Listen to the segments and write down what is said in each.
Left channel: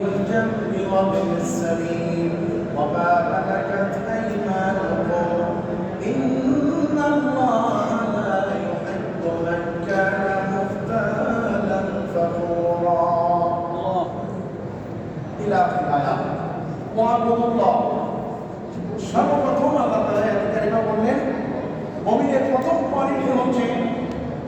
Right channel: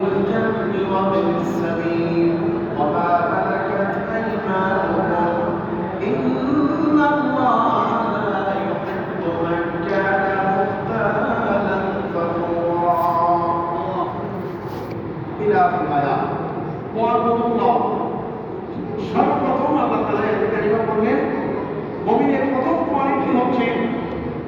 الجنب وابن السبيل وما ملكت أيمانكم إن الله لا يحب من كان مختالا فخورا إلى الآية واعبدوا الله সর্বপ্রথম আল্লাহ তাআলা এই কারিমা বললেন মুমিনের প্রথম কোয়ালিটি হচ্ছে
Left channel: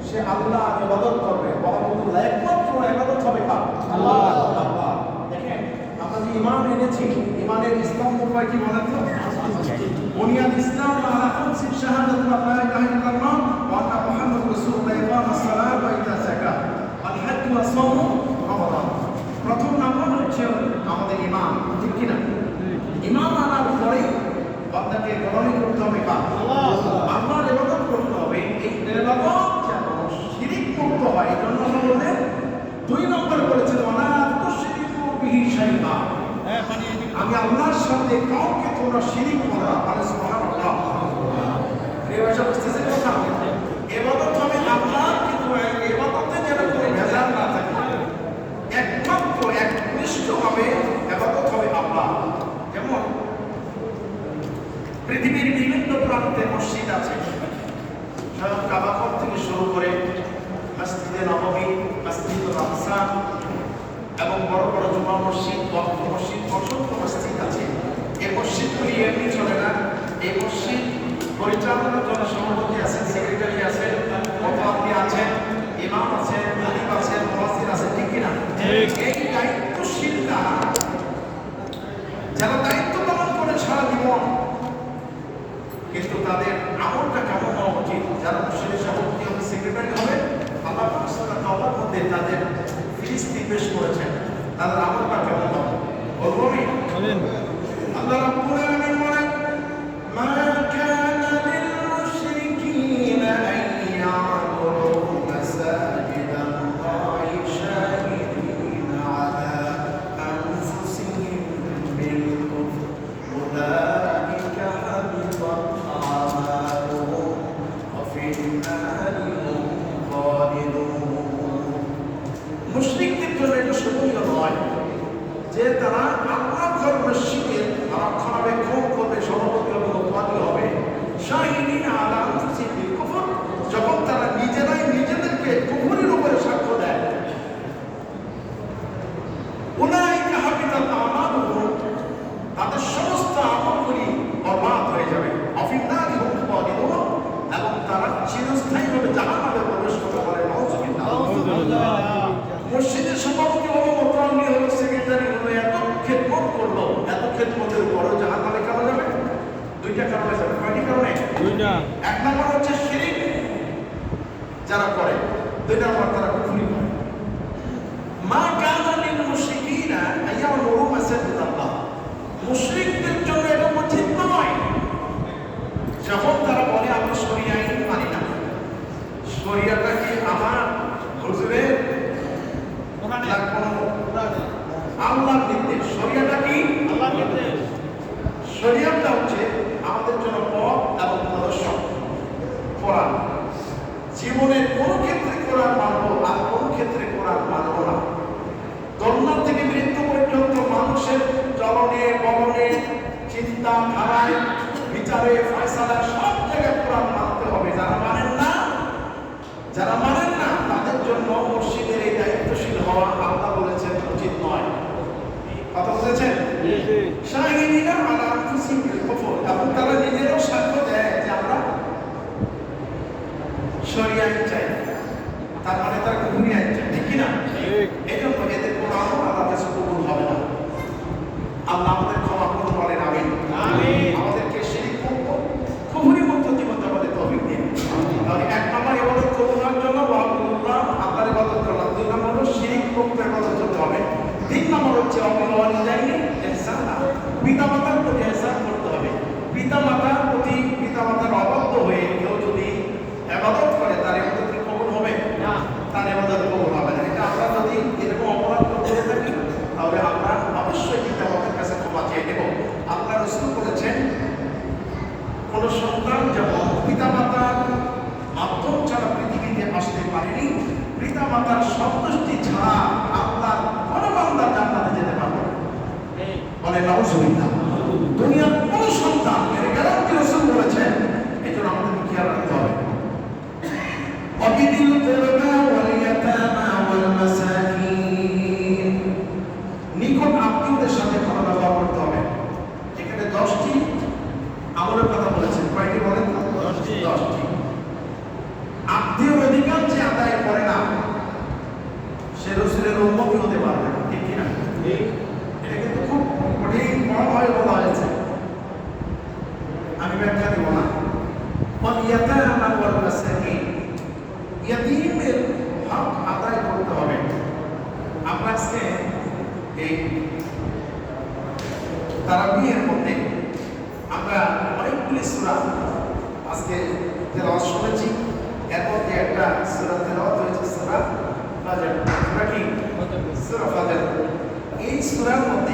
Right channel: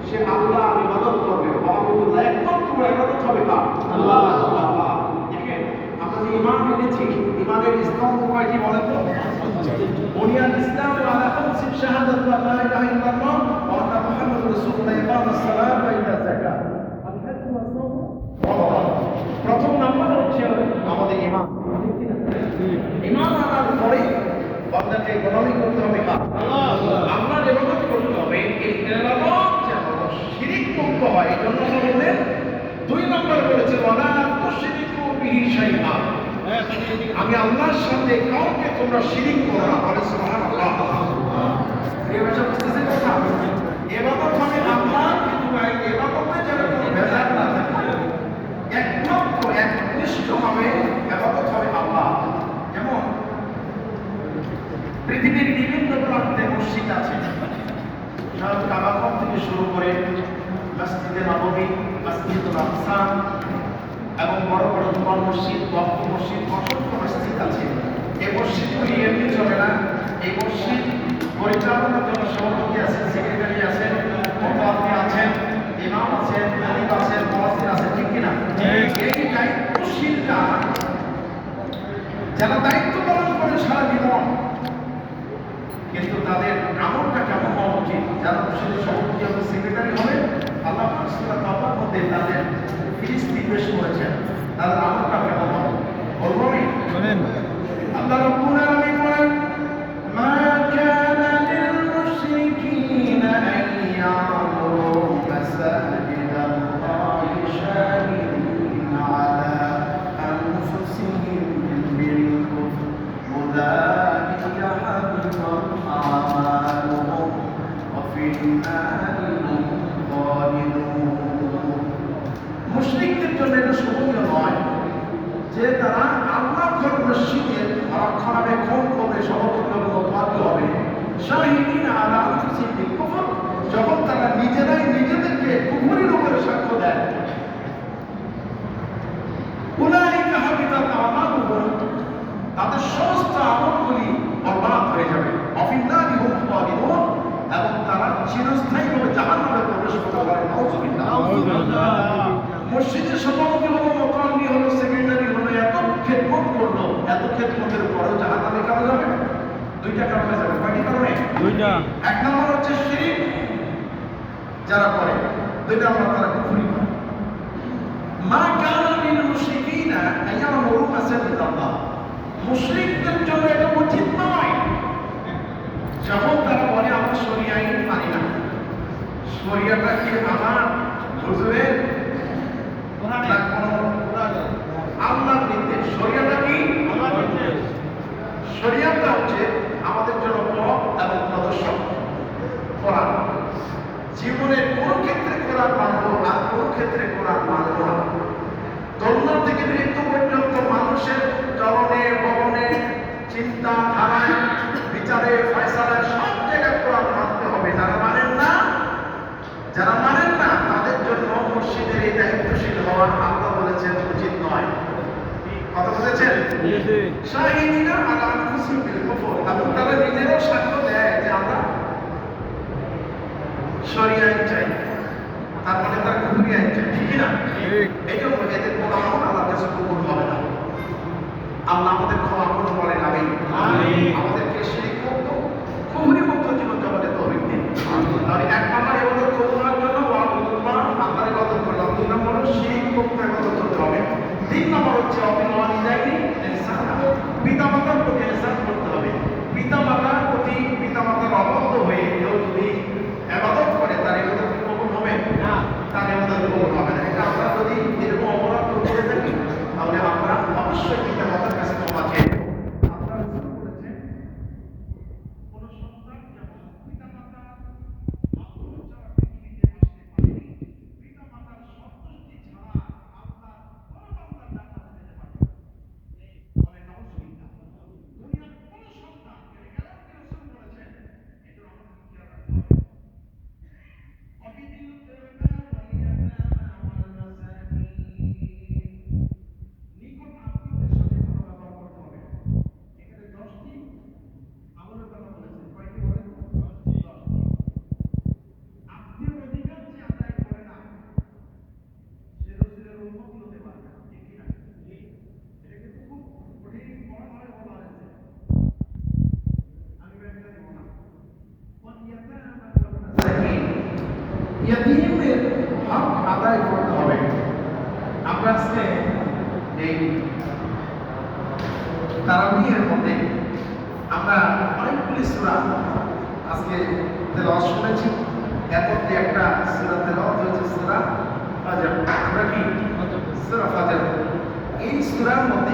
সে আল্লাহর ইবাদত করবে ওয়াবুদুল্লাহ একমাত্র ইবাদত হবে কার আল্লাহ আল্লাহ দেখেন আমরা যে ঈমান এনেছি ঈমানের স্তম্ভ কয়টি বলেন তো বুনিয়াদ ইসলাম আলা খামসি শাহাদাতু লা ইলাহা ইল্লাল্লাহ ওয়া আন্না মুহাম্মাদুর রাসূলুল্লাহ ইকামাস সালাত ওয়া ইতাস যাকাত আল হজ্জ ওয়া সাওম রমাদান প্রথম নাম্বার হচ্ছে আমাদের ঈমান ঠিক কি না ঈমান আনার পরে বান্দাকে গ্রহণ করতে হবে কার আল্লাহর ইবাদত করতে হবে এই ইবাদত যেন শিরক মুক্ত হয় এই জন্য আল্লাহ বলেন দুই নম্বর বলেছেন ওয়ালা তুশরিকু বিহি শাইআ আমি আল্লাহর সাথে কাউকে তোমরা শিরক করো না বলে সুবহানাল্লাহ এই ভাষা বুঝতেছেন কথা ইবাদত হবে আল্লাহর কিন্তু ইবাদতে যেন কোনো ভেজাল না থাকে একমাত্র একনিষ্ঠভাবে ইবাদত হবে আল্লাহ যেমন পৃথিবীর বিভিন্ন প্রান্তে মসজিদ আছে সব কাবা থেকে শুরু করে মসজিদে নববী মসজিদুল আকসা এবং বড় বড় জুমা মসজিদ ওয়াক্ফ মসজিদ অসংখ্য মসজিদ আছে এই মসজিদগুলি এমনি চলে না এই মসজিদ পরিচালনার জন্য সভাপতি আছেন সেক্রেটারি আছেন মুফতি আছেন ইমাম আছেন খতিব আছেন মুয়াজ্জিন আছেন ঠিক কিনা এই দায়িত্বশীলরা যারা দায়িত্ব পালন করে সারা জীবন কিন্তু তাদের আমলটা কেমন হওয়া উচিত যারা মসজিদের সভাপতি হবে সেক্রেটারি হবে আল্লাহ সুবহানাহু ওয়া মধ্যে তাদের ফিরিস্তি পেশ করেছেন তাদের আমলটা কেমন হবে বলবো আমি আল্লাহ রাব্বুল আলামিন বলেন মা কানা লিল মুশরিকিনা আন ইয়ামুরু মাসাজিদাল্লাহি শাহিদিনা আলা আনফুসিহিম বিল কুফর উলাইকা হাবিতাত আ'মালুহুম ওয়া ফিন নারি হুম খালিদুন মুশরিকদের জন্য এটা শোভনীয় নয় যে তারা আল্লাহর ঘর মসজিদের রক্ষণাবেক্ষণ করবে সভাপতি হবে মোতাবাল্লি হবে শাহিদিন আলা আনফুসিহিম বিল কুফর যখন তারা নিজেরাই নিজেদেরকে কুফরের উপরে সাক্ষ্য দেয় উলাইকা হাবিতাত আমালুহুম তাদের সমস্ত আমলগুলি বরবাদ হয়ে যাবে অফিন নারি হুম খালিদুন এবং তারা চিরস্থায়ীভাবে জাহান্নামে প্রবেশ করতে পারে নাউযুবিল্লাহ মসজিদের সভাপতি হলো মোতাবাল্লি হলো সেক্রেটারি হলো এত খেদমত করলো এত খেদমতের পরেও জাহান্নামে কেন যাবে দুইটা কারণে যাবে কয়টি কারণে দুইটা এক নম্বর হচ্ছে শিরক যারা করে দুই নম্বর তারা কুফরি করে মা কানা লিল মুশরিকিনা আইয়ামুরু মাসাজিদাল্লাহ মুশরিকদের জন্য এটা উচিত নয় যখন তারা বলে আমরা শরিয়া আইন মানি না শরিয়াটা কি আমার হুজুরের আল্লাহর নির্দেশ শরিয়াটা কি আল্লাহর নির্দেশ শরিয়াটা হচ্ছে আমাদের জন্য পথ এবং প্রদর্শক কোরআন জীবনের কোন ক্ষেত্রে কোরআন মানবো আর কোন ক্ষেত্রে কোরআন মানবো না জন্ম থেকে মৃত্যু পর্যন্ত মানুষের চলনে বলনে চিন্তা ধারায় বিচারে ফয়সালায় সব জায়গায় কোরআন মানতে হবে যারা মানেন না তাদের জন্য মসজিদের এই দায়িত্বশীল হওয়া আল্লাহ বলেছেন উচিত নয় কথা বলেছেন শাহিদিনা আলা আনফুসিহিম বিল কুফর এবং তারা নিজেরাও সাক্ষ্য দেয় যে আমরা শরিয়া আইন চাই তার মানে তারা কুফরি আইন চাই ঠিক না এই জন্য এদের কোনো আমল আল্লাহর কাছে কবুল হবে না আল্লাহ আমাদের ক্ষমা করুন বলেন আমিন আমাদেরকে শিরক মুক্ত কুফরি মুক্ত জীবন যাপনের তৌফিক দিন তাহলে এক নম্বর ইবাদত কবুল হওয়ার জন্য ওয়াল্লাহ আল্লাহর ইবাদত করলাম দুই নম্বর হলো শিরক মুক্ত ইবাদত করতে হবে তিন নম্বর হচ্ছে অবিল ওয়ালিদাইনি ইহসান পিতামাতার প্রতি ইহসান করতে হবে পিতামাতার প্রতি পিতামাতার অবাধ্য হয়ে কেউ যদি ইবাদত করে তার ইবাদত কি কবুল হবে না তার ইবাদত কবুল হবে না এটা আমরা যদি এরকম অপরাধ করতে থাকি তাহলে আমরা অবশ্যই পিতামাতার কাছে ক্ষমা চেয়ে নেব আল্লাহ রাসূল বলেছেন কোন সন্তান যখন পিতামাতার মাধ্যম ছাড়া পৃথিবীতে আসতে পারেনি পিতামাতার সন্তুষ্টি ছাড়া আল্লাহ কোন বান্দা জান্নাতে যেতে পারবে নাউজুবিল্লাহ। দুনিয়ার কোন সন্তান এর গ্যারান্টি রাসূল বলেছেন, এজন্য আমাদের খেয়াল রাখতে হবে। وبذي القربى واليتامى والمساكين, নিকট আত্মীয়দের সাথে ভালো ব্যবহার করতে হবে। এখানে 10টি আমলের কথা বলেছেন, কয়টি বলেন? 10টি। আত্মীয়র অধিকার যে আদায় করে না সে রাসূলের উম্মতি হতে পারবে না, ঠিক কিনা? এটা কিন্তু খুব কঠিন বড়ভাবে বলা হয়েছে, আমি ব্যাখ্যা দিব না। ওয়াল-ইয়াতামা ওয়াল-মাসাকিন, ইয়াতীমদের হক আদায় করতে হবে। আমরা আজকে এই তারাবিহের মধ্যে আমরা অনেকগুলি সূরা আজকে তেলাওয়াত শুনেছি। এর মধ্যে একটা সূরা তেলাওয়াত হয়েছে সূরা ফাজর। আমরা কি সূরা ফাজর, এই সূরার মধ্যে